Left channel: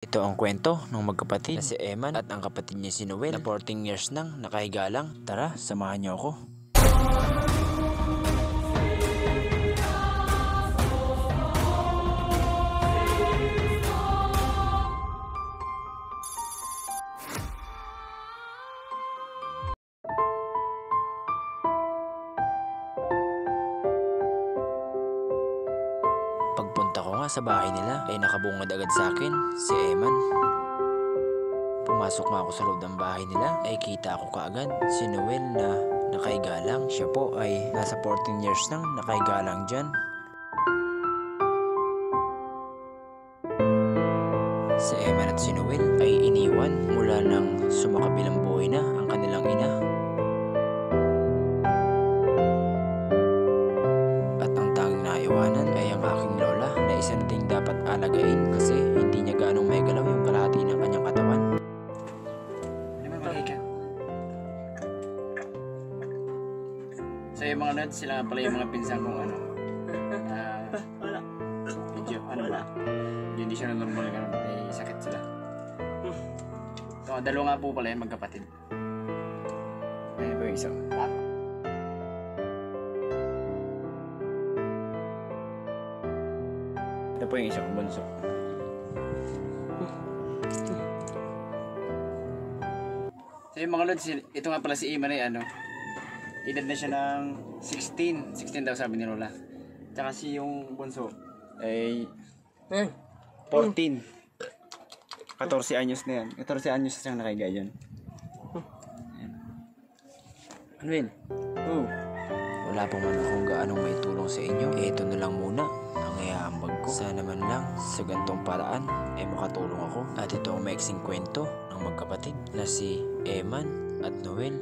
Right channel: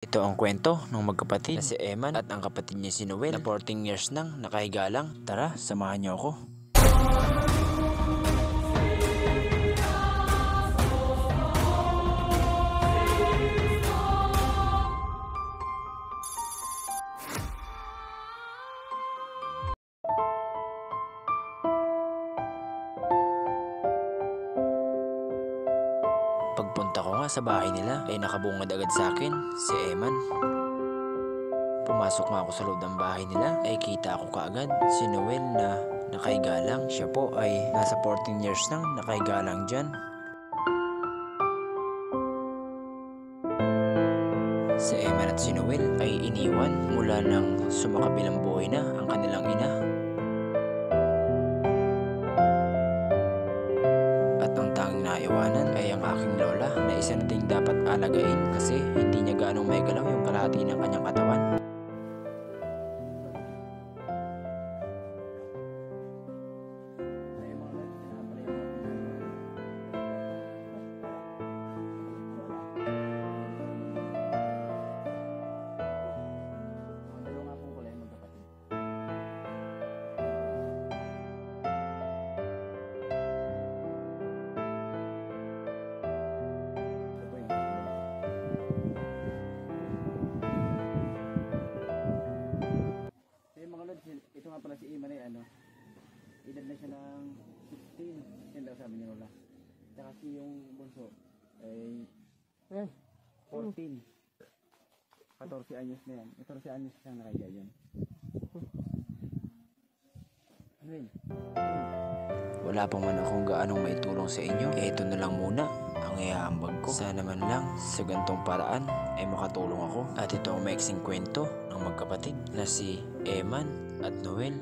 Ito ang kwento ng magkapatid na si Eman at ang kapatid niya si Noel na 14 years nang nakahiga lang. Tara, samahan niyo ako. Pagpunta ko nga sa bahay nila ay nakabungad agad sa akin si Eman. Pumasok nga ako sa loob ng bahay nila ay kita ko kaagad si Noel na nakahiga lang. Siya po ay nasa 14 years nang nakahiga lang dyan. Si Eman at si Noel ay iniwan mula nang sumakabilang buhay na ang kanilang ina. At ang tanging naiwanan ay ang aking lola na isa na ding dapat alagain kasi hindi niya gaanong may galaw yung kalahati ng kanyang katawan. So yung mga nudes, sila pala yung mga pinsan kong ano medyo ano ba, hindi siya na normal nga, may sakit sila. So dalawa nga po pala yung magkapatid. Ayun po yung isa. Ito po yung isa kong bunso. So yung mga nudes, ito nga pala si Iman ay ano, edad na siya ng 16 daw sabi ni Lola. Tsaka si yung bunso ay 14. 14 anyos na yan. 14 anyos na siyang nakahiga dyan. Ano yun? Wala pa man akong gaanong maitulong sa inyo. Ito na lang muna ang ihaambag ko. Sana man lang sa gantong paraan ay makatulong ako. At ito ang maiksing kwento ng magkapatid na si Eman at Noel.